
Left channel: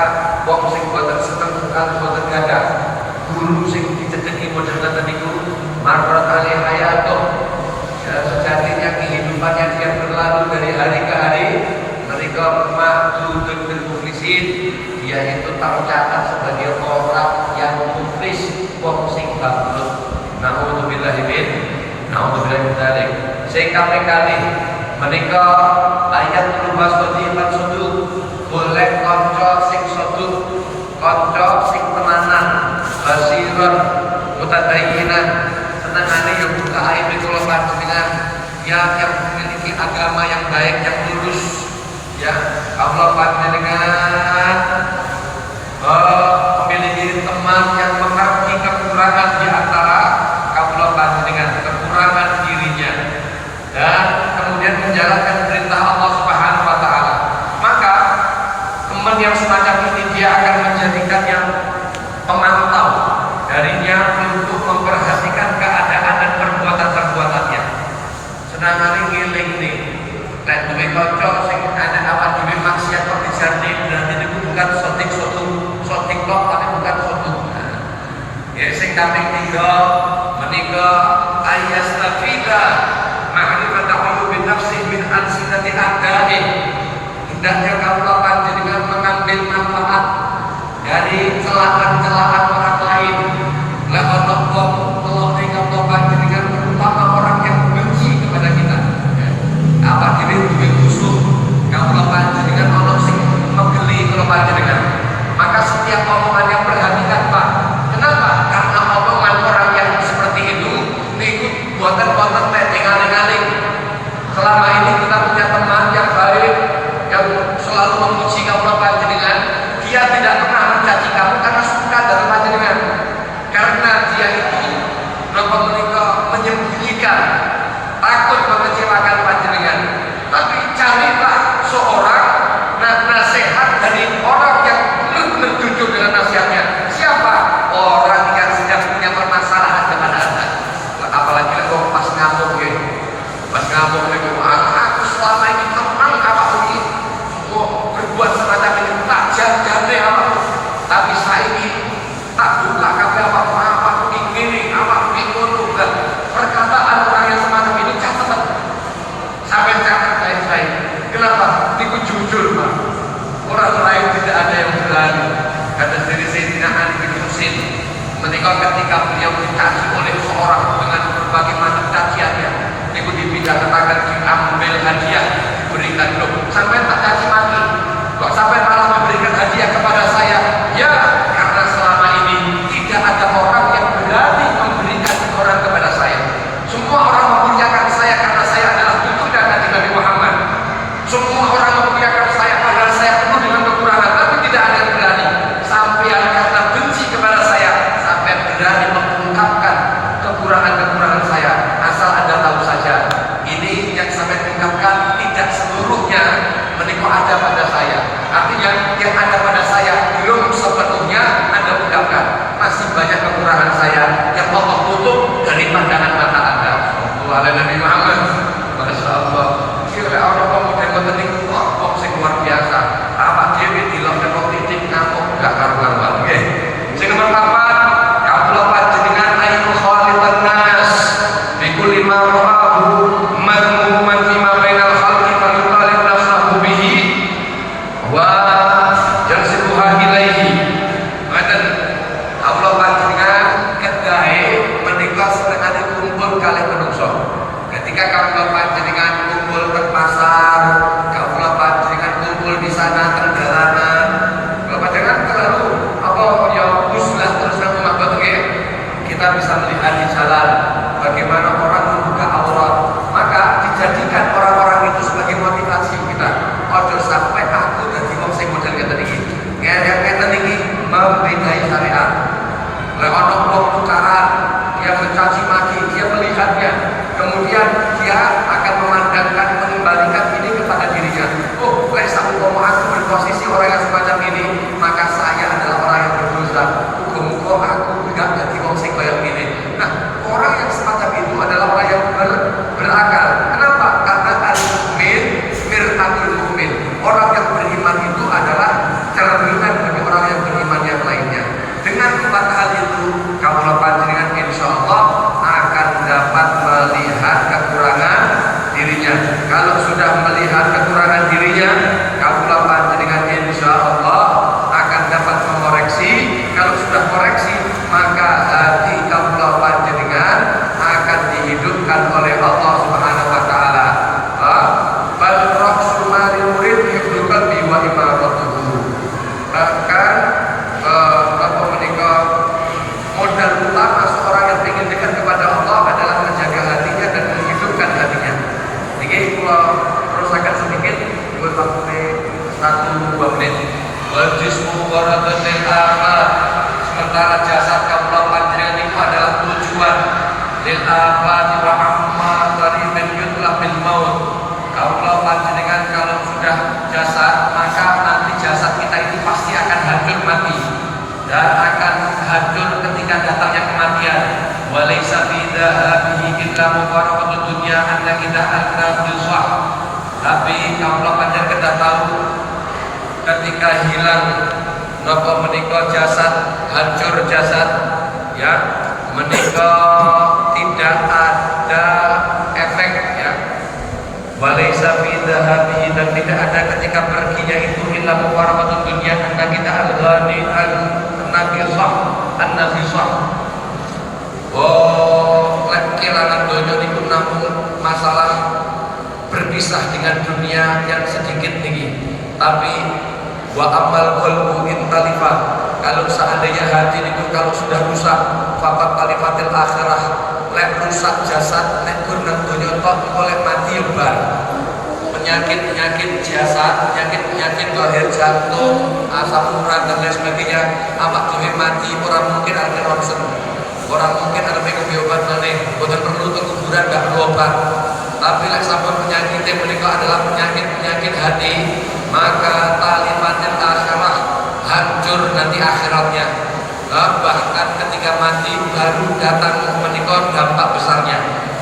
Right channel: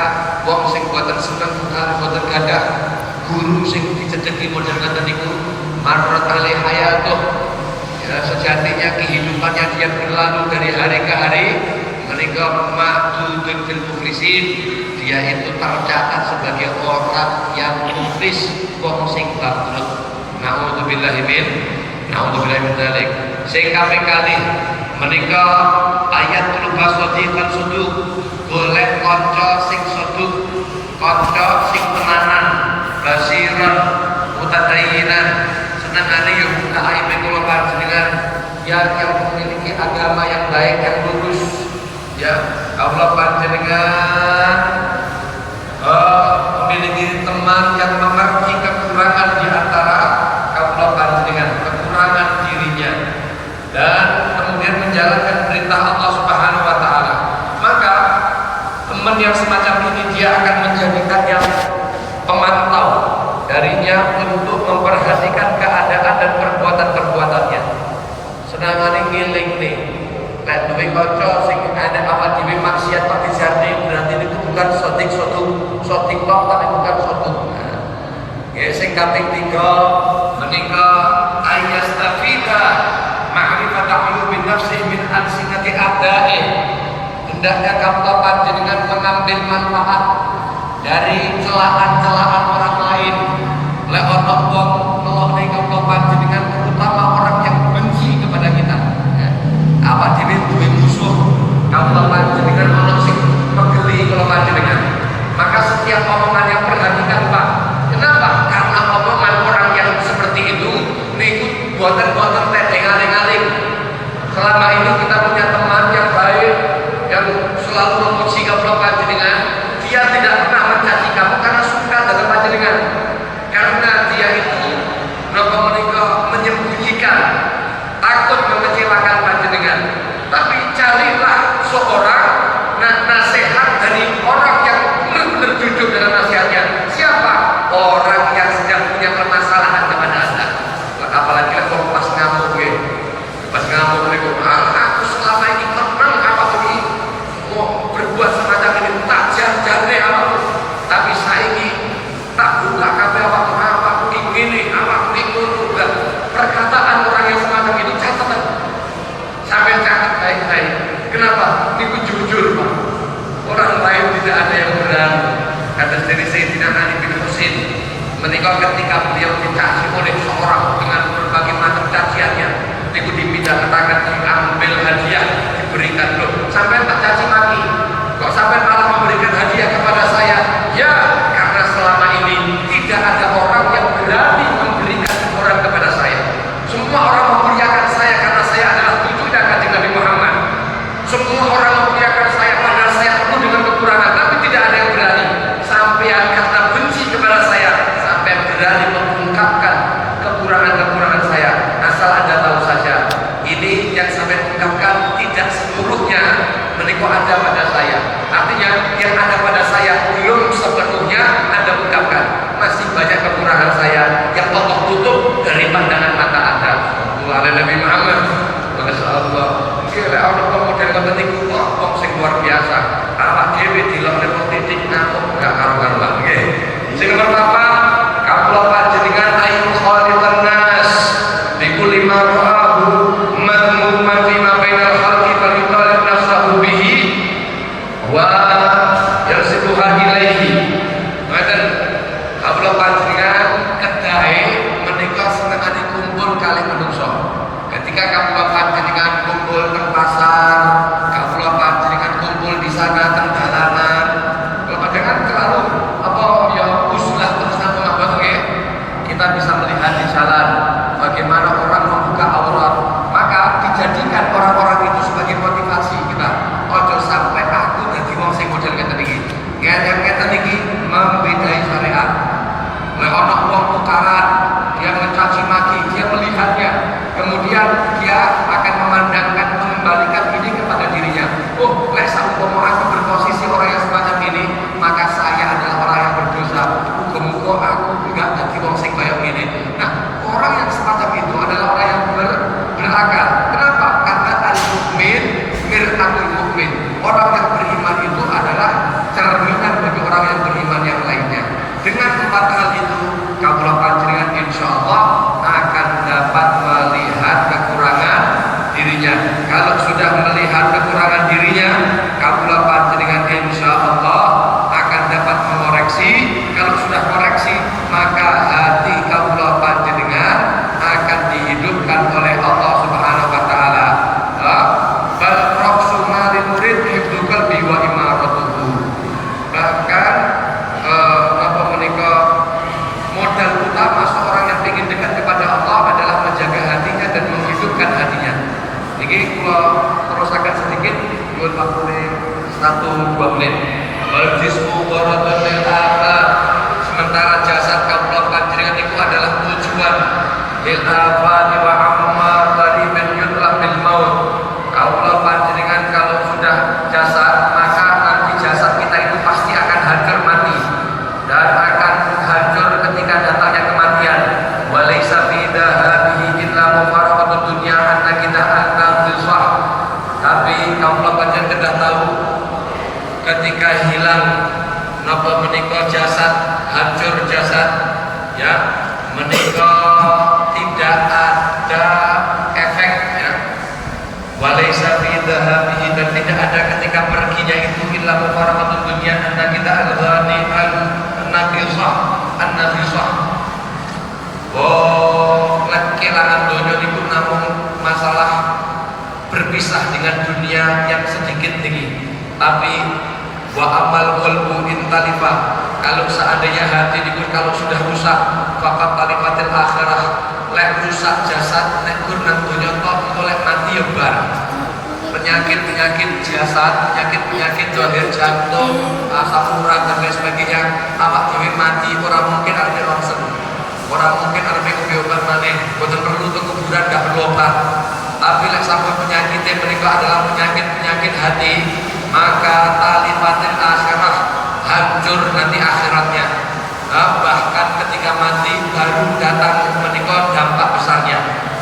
wong sing boten seneng boten gadah guru sing diceceki model ngoten niku marrat alaihi hayatuh, sejatinya kehidupannya dia berlalu dari hari ke hari menika ma'dudun fil muflisin, dia itu tercatat sebagai orang yang muflis, wong sing bangkrut. Na'udzubillahi min dzalik. Sing kaping kalih menika ayat rubah sadiqan suduk, golek kanca sing seduk, kanca sing tenanan, basiran, mutadayyinan, senengane yang buka aib kula panjenengan yang memiliki agama yang baik dan lurus. Ya, Allah panjenengan memiliki teman yang mengerti kekurangan di antara kaula panjenengan, kekurangan dirinya, dan kemudian menjalankan perintah Allah Subhanahu wa taala. Maka teman yang semacam ini dia akan menjadikan yang pemantau darinya untuk memperhatikan keadaan dan perbuatan-perbuatannya. Sedangkan ngiling nih, nek duwe kanca sing ada awak dhewe maksiat kok dijarne, berarti niku bukan sotik lok tapi bukan sotuk. Ya sing kaping 3 menika ayastafida ma'rifatahu bi nafsi min alsinati adai. Hendaknya kamu panjenengan mengambil manfaat dari celaan-celaan orang lain. Lek ana wong nolong ning kamu panjenengan, terutama orang yang benci kepada kita. Apa dhewe duwe musuh, kamu panjenengan ana sing megeli kula panjenengan. Maka setiap omongan yang perhatikan, Pak. Kenapa? Karena omongan orang yang seperti itu niku boten-boten tengaling-aling. Selama ini kita punya teman yang baik yang selalu memuji kamu panjenengan, dia tidak pernah mencaci kamu karena suka dengan panjenengan. Karena dia itu menyembunyikan, takut mengecewakan panjenengan. Tapi carilah seorang nasihat dari orang yang benar-benar jujur dalam nasihatnya. Siapa? Orang yang sedang punya permasalahan dengan Anda. Apalagi kalau pas ngamuk itu, aku selama ini tenang apa ini, berbuat semacam ini, tak jar-jarnya apa. Tapi saya ini tak buka kata apa ini, apa ini dan perkataan orang yang semacam itu catatan. Sampai catat baik-baik. Kenapa? Itu jujur, Pak. Orang lain tidak ada yang berani. Karena dari Sayyidina Ali bin Husain, menikah ketika beliau dicaci oleh seorang dengan berbagai macam caciannya, itu dipidanakan, diambil hadiah, diberikan loh. Sampai tak caci maki. Kok sampai malah memberikan hadiah kepada saya? Ya, karena selama ini tidak ada orang yang berani memberikan orang kepada saya. Semua orang memuliakan saya karena saya adalah tuntunan kanjeng Nabi Muhammad. Semua orang memuliakan saya padahal saya penuh dengan kekurangan, tapi tidak ada yang berani. Sampai yang kata benci kepada saya, sampai berani mengungkapkan kekurangan-kekurangan saya. Asal Anda tahu saja, ini yang sampai ungkapkan tidak seluruhnya menikah ada pada saya. Artinya yang ada pada saya belum sepenuhnya Anda ungkapkan. Masih banyak kekurangan saya yang Allah tutup dari pandangan mata Anda. Wahai Nabi Muhammad, Masya Allah. Kira Allah kemudian kepenting kok sing luar biasa. Apa dewi di dalamnya politik, Ono wong tukaran, dia mencaci maki, dia melihatnya, kemudian dia akan memandangkan, mengembalikan ini kepada dirinya. Oh, lek saumpama aku berposisi orang yang semacam ini, maka saya adalah orang yang berdosa. Muga-muga aku enggak jadi wong sing kaya ngene. Nah, orang yang semacam itu adalah orang yang berakal. Kenapa? Karena al-mukmin mir'atul mukmin. Orang yang beriman itu adalah cerminan bagi orang yang beriman yang lainnya. Dengan 4 hal itu, kaula panjenengan insyaallah akan dapat melihat kekurangan dirinya. Kalau sudah melihat kekurangan dirinya, kaula panjenengan insyaallah akan dapat mengoreksi. Kalau sudah koreksi, maka hati kaula panjenengan akan dihidupkan oleh Allah Subhanahu wa taala. Bal ra'sul mali murid hifdzul wa imaratuhu. Bahkan apa menika modal utama seorang yang ingin dekat kepada Allah adalah menjaga hatinya dan menghidupkan hatinya. Jadi kalau terusakan sedikit, buat waktu 1-2 menit. Wajismu waradatil akhir. Sementara jasad kaula panjenengan itu adalah tujuan lil afani wa amma tadi menjumlah bil maut. Kaula panjenengan kalau sudah jasad, maka nanti jasad kita itu pasti akan hancur mati dan akan hancur ketika datangnya kematian. Walaysa fi dhahabihi illa mufaraqatud dunya anna kita anna dhisah. Tapi kaula panjenengan kedah tahu ketika hilang napa menika jasad, hancur jasad, ya menika tidak ada efek, ya. Walaysa fi dhahabihi, dan tidak ada ketika perginya itu illa mufaraqatud dunya anna kita al-ghani an-nafisah. Oh, kehilangan dunia itu namun masalah berpisah dengan dunia yang sedikit tinggi. Tapi wa amal qalbu intalifa, kalau seandainya hati itu kalau sudah rusak, faqat talifatil akhirah, lek rusak jasad, nek pun nang dunia kok oleh mati ya bar. Penyakit jasad, penyakit zahir, jantung, asam urat dan lain sebagainya, awak dhewe mati ora mungkin arep ronsen. Ora mungkin arep obat maneh, boten perlu ke kuburan, enggak perlu obat. Tapi lek sampai penyakit menika adalah penyakit hati, maka talifatil akhirah, hancur nanti akhiratnya. Bahkan ketika mati baru datang menika dampak besarnya.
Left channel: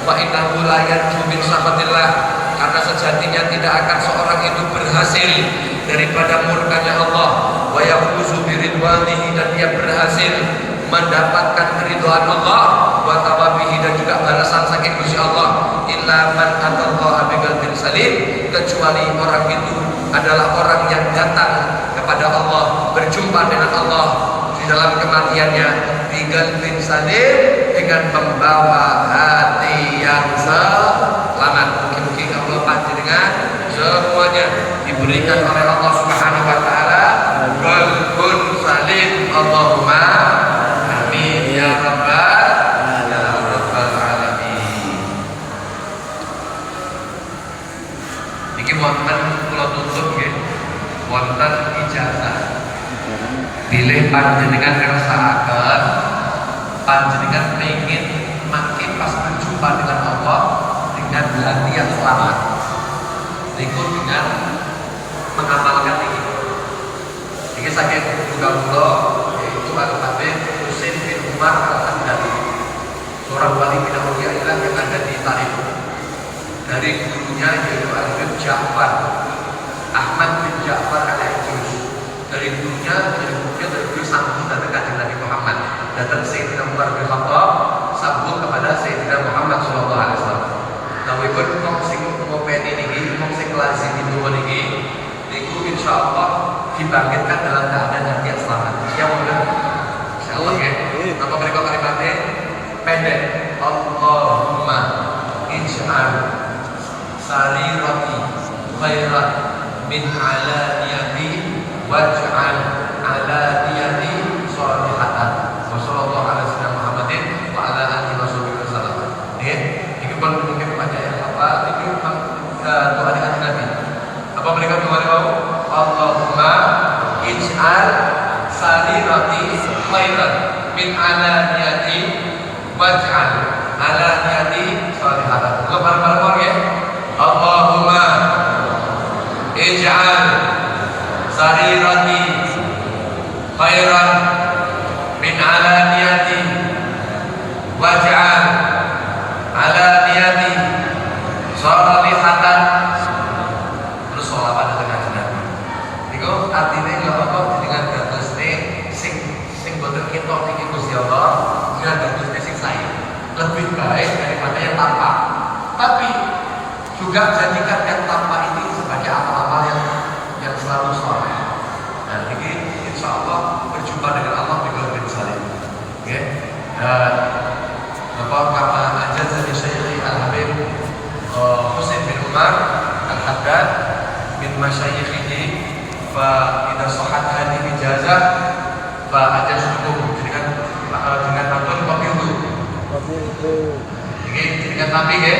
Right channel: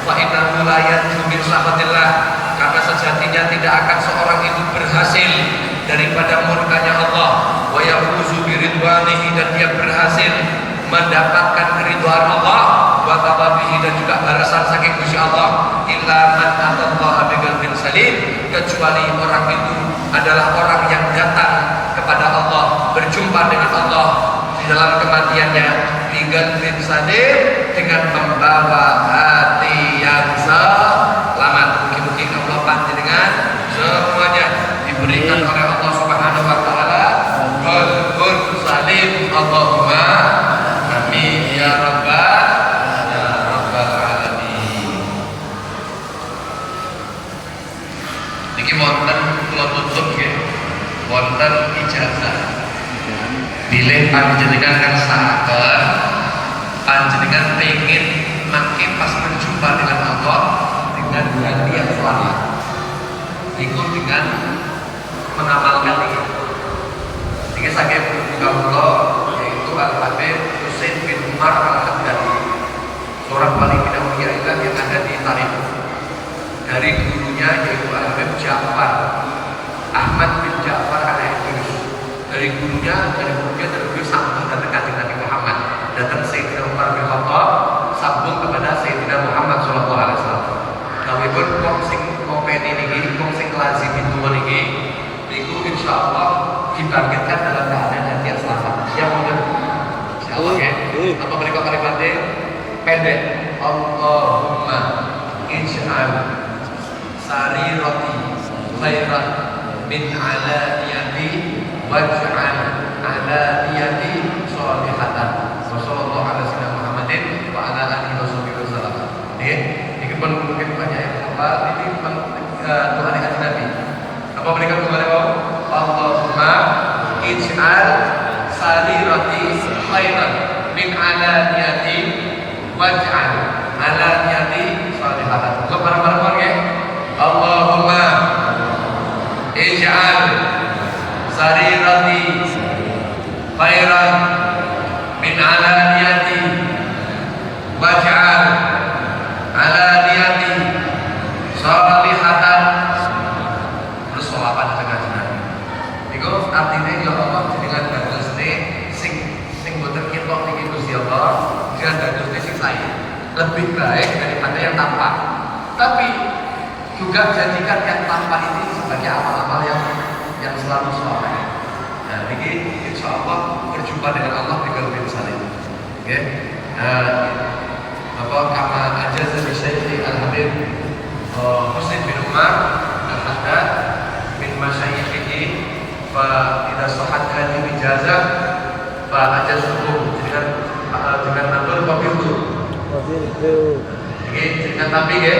Wa innahu la yanju min sahabatillah, karena sejatinya tidak akan seorang itu berhasil daripada murkanya Allah. Wa yafuzu biridwanihi, dan dia berhasil mendapatkan keridhaan Allah wa tawabihi, dan juga balasan saking Gusti Allah. Illa man atallaha biqalbin salim, kecuali orang itu adalah orang yang datang kepada Allah, berjumpa dengan Allah di dalam kematiannya biqalbin salim, dengan membawa hati yang selamat. Mungkin Allah panjenengan semuanya diberikan oleh Allah Subhanahu wa taala qalbun salim. Allahumma amin ya rabbal alamin. Niki wonten kula tutup nggih. Wonten ijazah. Bilih panjenengan kersakaken, panjenengan pengen makin pas berjumpa dengan Allah dengan hati yang selamat. Niku dengan mengamalkan ini. Ini saking juga kula yaitu Al-Habib Husain bin Umar Al-Hamdani, seorang wali bid'ah yang ada di Tarif. Dari gurunya yaitu Al-Habib Ja'far Ahmad bin Ja'far al-Idris. Dari gurunya dari sambung datang ke Nabi Muhammad, datang Sayyidina Umar bin Khattab, sambung kepada Sayyidina Muhammad sallallahu alaihi wasallam. Nawibun wong sing ngopeni niki, wong sing lazim itu niki, niku insyaallah dibangkitkan dalam keadaan hati yang selamat. Siap monggo. Insyaallah ya. Apa mereka kalimatnya pendek. Allahumma ij'al sarirati khairan min alaniyati waj'al alaniyati sholihatan. Sallallahu alaihi wasallam Muhammadin wa ala alihi wasallam. Ini kalau mungkin banyak apa ini doa Nabi. Apa mereka kemarin Allahumma ij'al sarirati khairan min alaniyati waj'al alaniyati salihatan. Kok bareng-bareng ya? Allahumma ij'al sarirati khairan min alaniyati waj'al alaniyati salihatan. Terus sholawat tengah jalan. Iku artinya ya Allah dengan dadosne sing boten ketok iki Gusti Allah, dengan dadosne sing saya lebih baik daripada yang tanpa. Tapi juga jadikan yang tanpa ini sebagai amal-amal yang selalu saleh. Nah, ini insya Allah berjumpa dengan Allah di qalbin salim. Oke. Bapak kama aja dari Syekh Al-Habib Husain bin Umar Al-Haddad min masyayikhihi fa idza sahhat hadhihi ijazah fa ajazuhu. Jadi kan dengan matur wabil itu. Oke, dengan nabi ya.